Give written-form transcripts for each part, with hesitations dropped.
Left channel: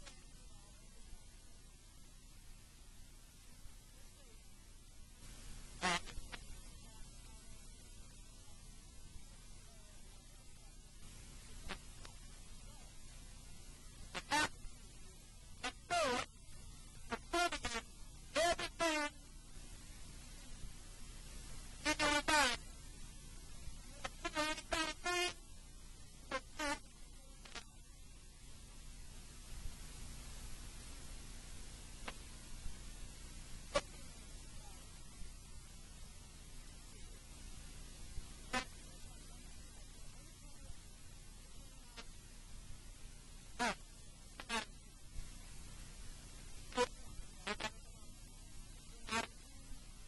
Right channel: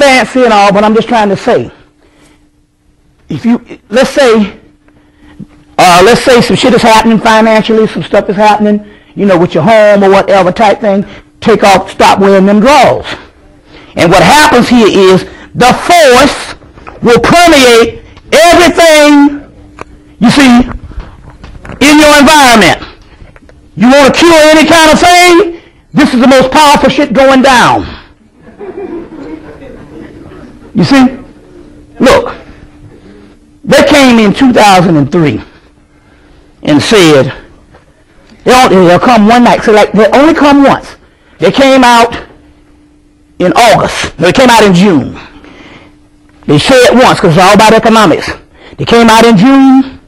fancy and all, but I'm just trying to say, if you, let's say some shit is happening financially, some stuff is happening, you know, with your home or whatever type thing, take off, stop wearing them drawers. And what happens here is the force will permeate everything you see in your environment. You want to cure any kind of thing? This is the most powerful shit going down. You see? Look, they came in 2003 and said, they'll come one night. So like, they only come once. They came out in August. No, they came out in June. They say it once because it's all about economics. They came out in June,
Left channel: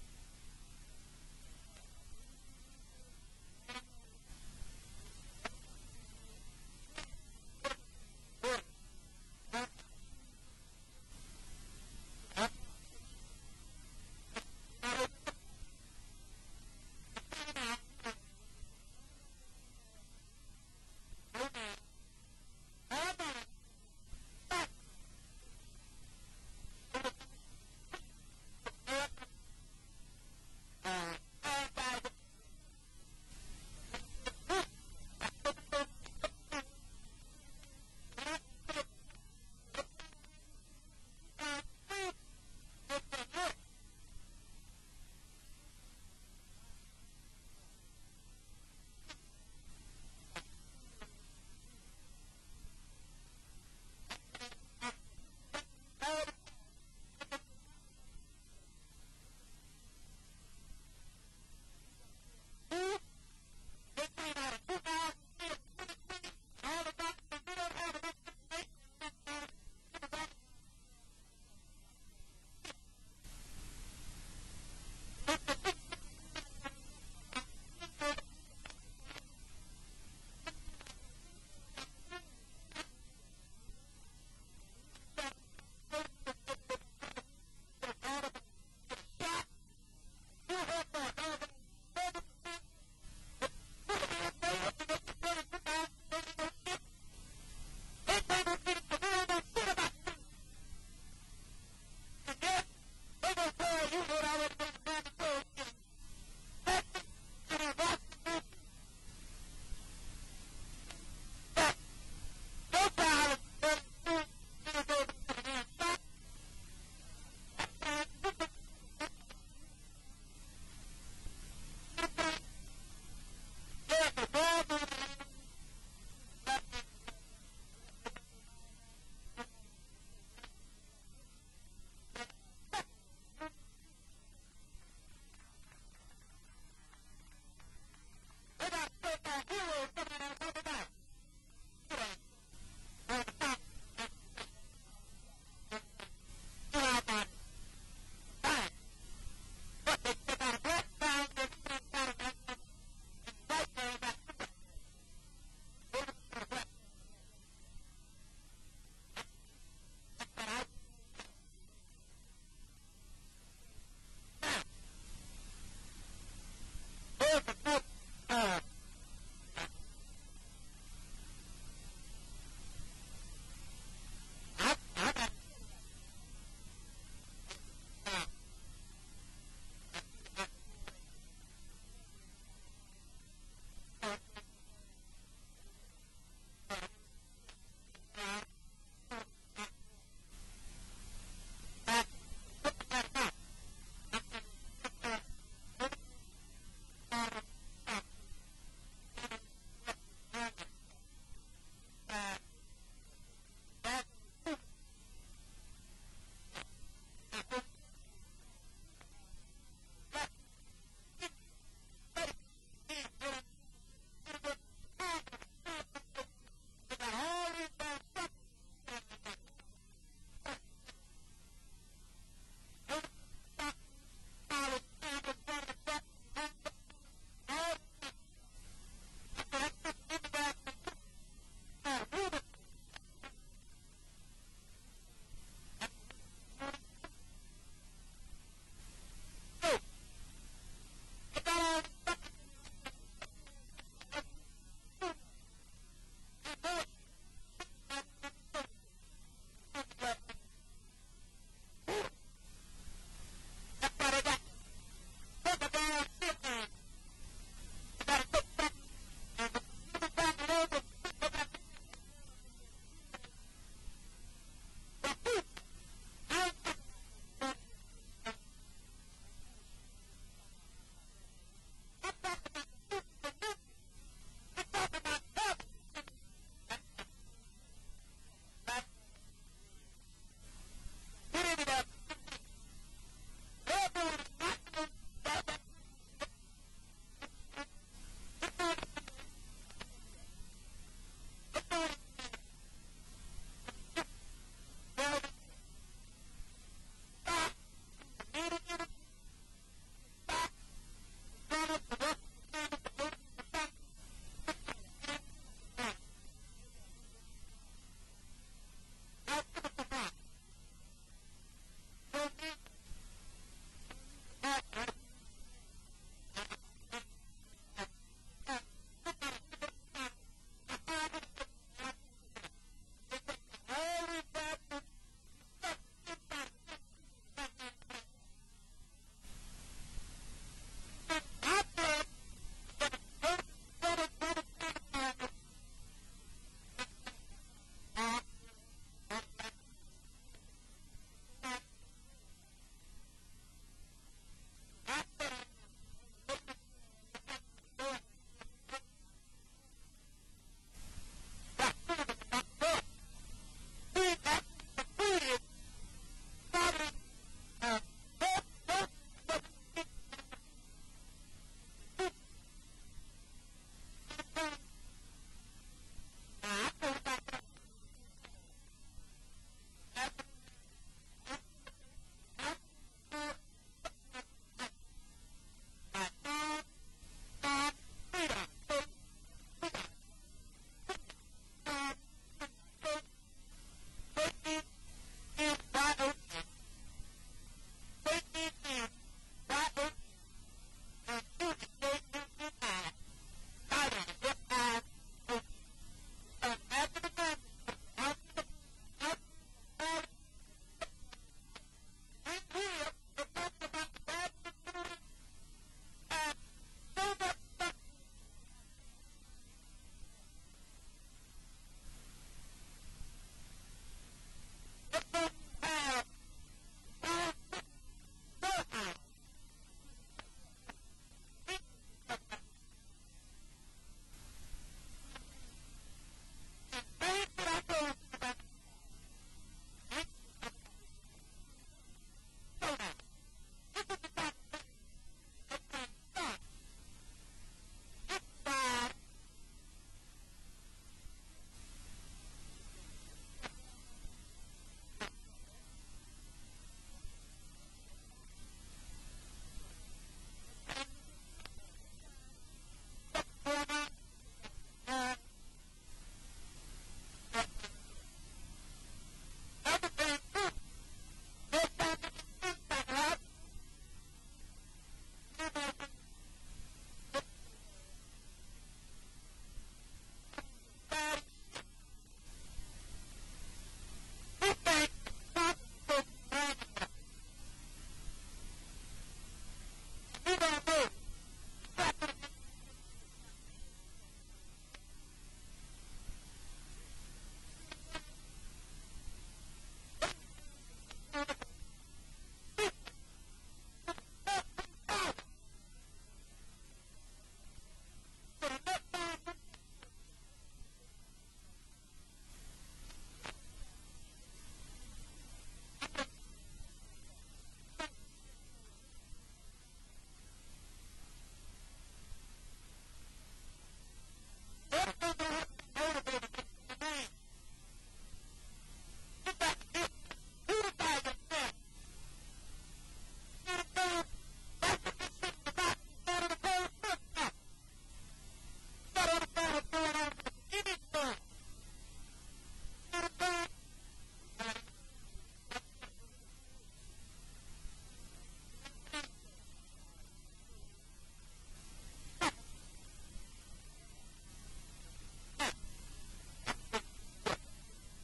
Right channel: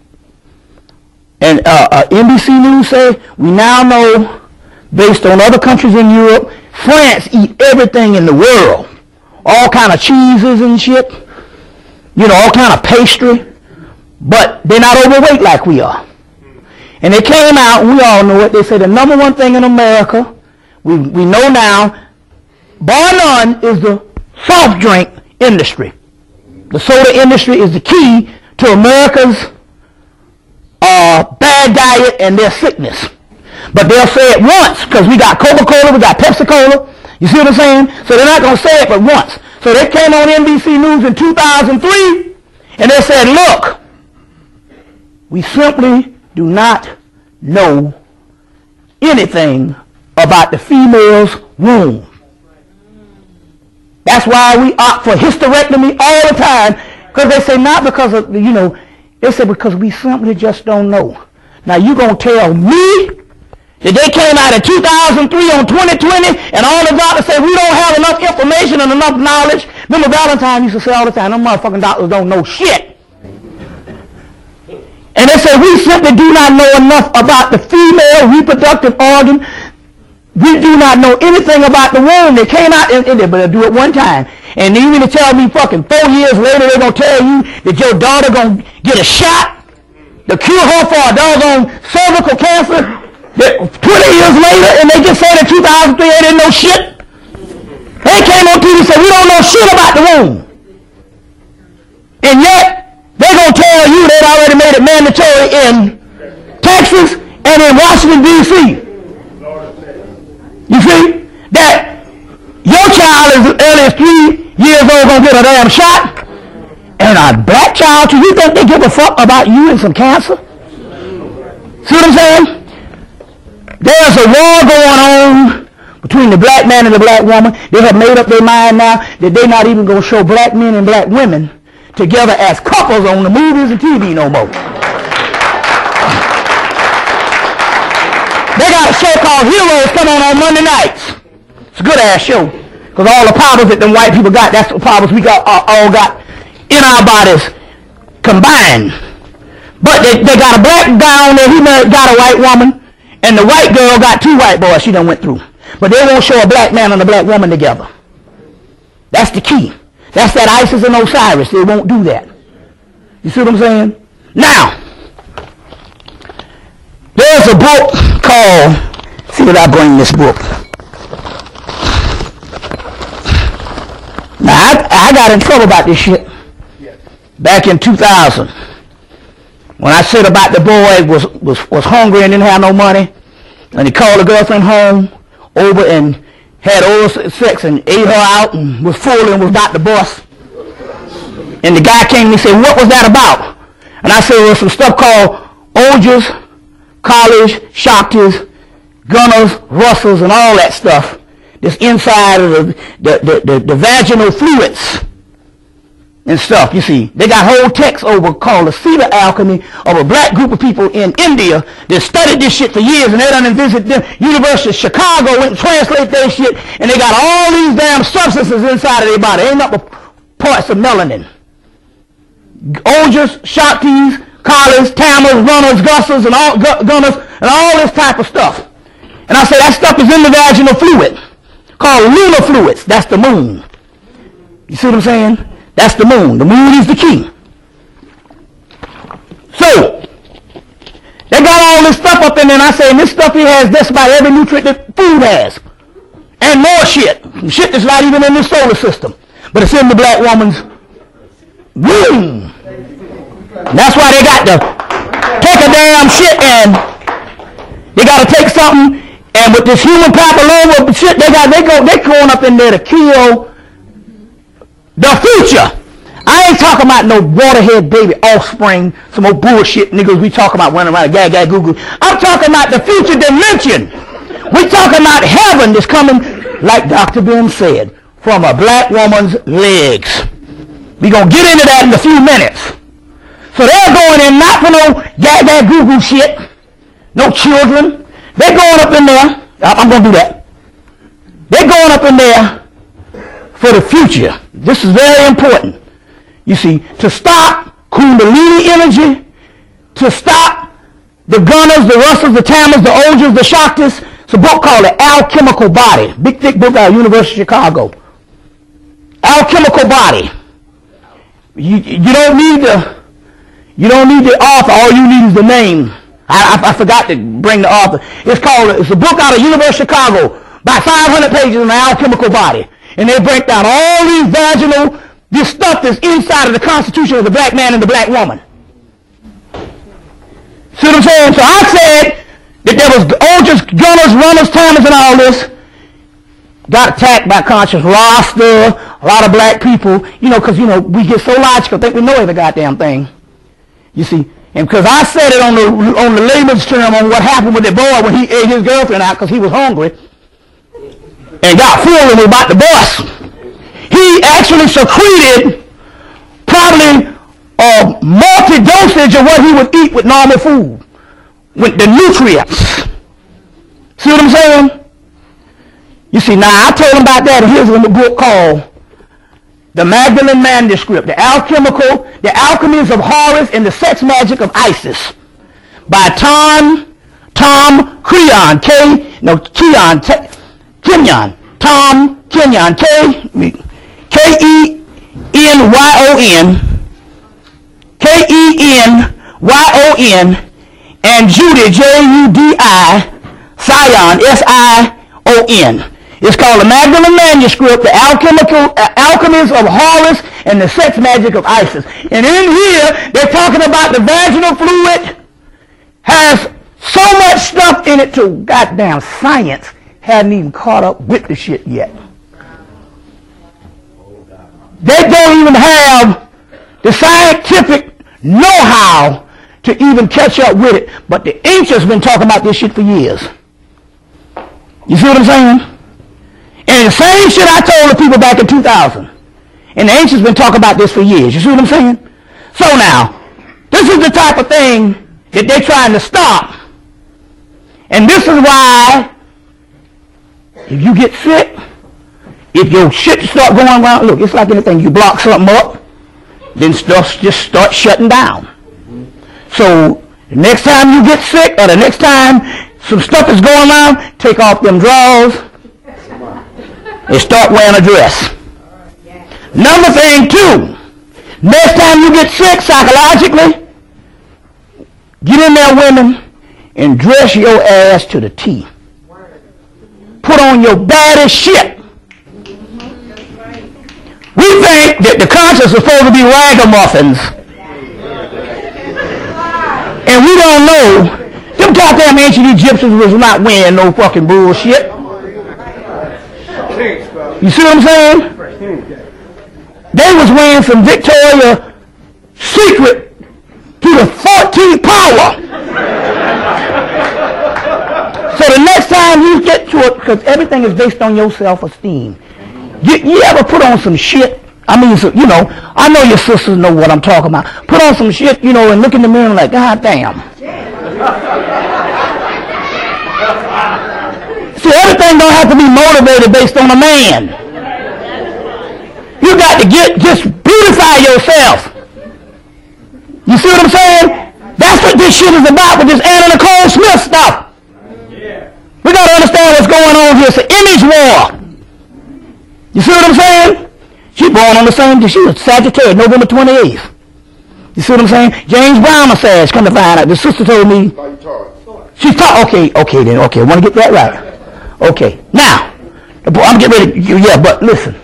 and NBC News said, we now know, based on other countries in Europe, France eat everything in the world. All kind of cheeses and shit. You know, all kind of pastry. But they're not overweight like we are. And they came out, and we all know it. They said the number one thing in America, we know now, bar none, is the soft drink industry. The soda industry is the key to America's bad diet and their sickness. But they'll say it once, because we got Coca-Cola, we got Pepsi-Cola. You see what I'm saying? So they're not going to say it but once. So they came on NBC News in 2003, and they said, look, we simply do not know anything about the female's womb. That's why we opt for hysterectomy all the time, because they say not because of, you know, they say because we simply just don't know. Now you going to tell me that they came out in 2003 on 2020 and all the doctors say we don't have enough information and enough knowledge? Remember Valentine used to say all the time, them motherfucking doctors don't know shit. And they say we simply do not know enough about the female reproductive organ. We do not know anything about the womb. They came out and they better do it one time. And then you mean to tell me fucking 4 years later they're going to tell you that your daughter going to get a shot to cure her for a doggone cervical cancer? 20 years later, and they just said in 2003 they didn't know shit. They came on TV and said we don't know shit about the womb. And yet, they're going to tell you they've already made it mandatory in Texas and in Washington, D.C. You see? That your child as early as 3 years old going to get a damn shot, and a black child, do you think they give a fuck about you and some cancer? See what I'm saying? There's a war going on between the black man and the black woman. They have made up their mind now that they're not even going to show black men and black women together as couples on the movies and TV no more. They got a show called Heroes coming on Monday nights. It's a good ass show. Because all the powers that them white people got, that's the powers we got all got in our bodies combined. But they got a black guy on there, he got a white woman. And the white girl got 2 white boys she done went through. But they won't show a black man and a black woman together. That's the key. That's that Isis and Osiris. They won't do that. You see what I'm saying? Now, there's a book called, see what I bring this book. Now, I got in trouble about this shit back in 2000. When I said about the boy was hungry and didn't have no money, and he called the girlfriend home over and had oral sex and ate her out and was full and was about to bust. And the guy came and he said, what was that about? And I said, well, some stuff called Olgers, College, Shaktis, Gunners, Russells, and all that stuff. This inside of the vaginal fluids and stuff, you see. They got whole texts over called the Cedar Alchemy of a black group of people in India that studied this shit for years, and they done visited the University of Chicago, went and translated their shit, and they got all these damn substances inside of their body. Ain't nothing but parts of melanin. Olgers, Shaktis, Collars, Tammers, Runners, Gussers, and all Gunners, and all this type of stuff. And I say that stuff is in the vaginal fluid, called lunar fluids. That's the moon. You see what I'm saying? That's the moon. The moon is the key. So, they got all this stuff up in there, and I say, and this stuff here has just about every nutrient that food has. And more shit. Shit that's not even in the solar system. but it's in the black woman's womb. That's why they got to take a damn shit and they got to take something, and with this human papilloma shit, they going up in there to kill the future. I ain't talking about no waterhead baby offspring, some old bullshit niggas we talking about running around gag goo. I'm talking about the future dimension. We talking about heaven that's coming, like Dr. Ben said, from a black woman's legs. We gonna get into that in a few minutes. So they're going in not for no gag goo shit, no children. They're going up in there. I'm gonna do that. They're going up in there for the future. This is very important. You see, to stop Kundalini energy, to stop the Gunners, the Russells, the Tammers, the Ojas, the Shaktis. It's a book called The Alchemical Body. Big, thick book out of University of Chicago. Alchemical Body. You don't need the author. All you need is the name. I forgot to bring the author. It's a book out of University of Chicago, about 500 pages on the alchemical body. And they break down all these vaginal, this stuff that's inside of the constitution of the black man and the black woman. See what I'm saying? So I said that there was Ojas, Gunners, Runners, Tammers, and all this. Got attacked by conscious roster, a lot of black people, because, we get so logical, think we know every goddamn thing. You see? And because I said it on the layman's term on what happened with the boy when he ate his girlfriend out because he was hungry and got full and was about to bust. He actually secreted probably a multi-dosage of what he would eat with normal food, with the nutrients. See what I'm saying? You see, now I told him about that, and here's a book called The Magdalene Manuscript, The Alchemies of Horus and the Sex Magic of Isis, by Tom Kenyon, Tom Kenyon, Kenyon, and Judy, Judi, Sion, Sion. It's called The Magdalene Manuscript, The Alchemies of Horus and the Sex Magic of Isis. And in here, they're talking about the vaginal fluid has so much stuff in it to goddamn science hadn't even caught up with the shit yet. They don't even have the scientific know-how to even catch up with it. But the ancients been talking about this shit for years. You see what I'm saying? And the same shit I told the people back in 2000. And the ancients been talking about this for years. You see what I'm saying? So now, this is the type of thing that they're trying to stop. And this is why, if you get sick, if your shit start going around, look, it's like anything. You block something up, then stuff just starts shutting down. So the next time you get sick, or the next time some stuff is going on, take off them drawers and start wearing a dress. Another thing too, next time you get sick psychologically, get in there, women, and dress your ass to the T. Put on your baddest shit. We think that the conscience is supposed to be ragamuffins. And we don't know. Them goddamn ancient Egyptians was not wearing no fucking bullshit. You see what I'm saying? They was wearing some Victoria's Secret to the 14th power. So the next time you get to it, because everything is based on your self-esteem. You ever put on some shit? I mean, so, I know your sisters know what I'm talking about. Put on some shit, and look in the mirror and like, God damn. See, everything don't have to be motivated based on a man. You got to just beautify yourself. You see what I'm saying? That's what this shit is about with this Anna Nicole Smith stuff. We got to understand what's going on here. It's an image war. You see what I'm saying? She born on the same day. She was Sagittarius, November 28th. You see what I'm saying? James Brown massage, come to find out. The sister told me. She's taught. Okay, then. Okay, I want to get that right. Okay. Now, I'm getting ready. Yeah, but listen.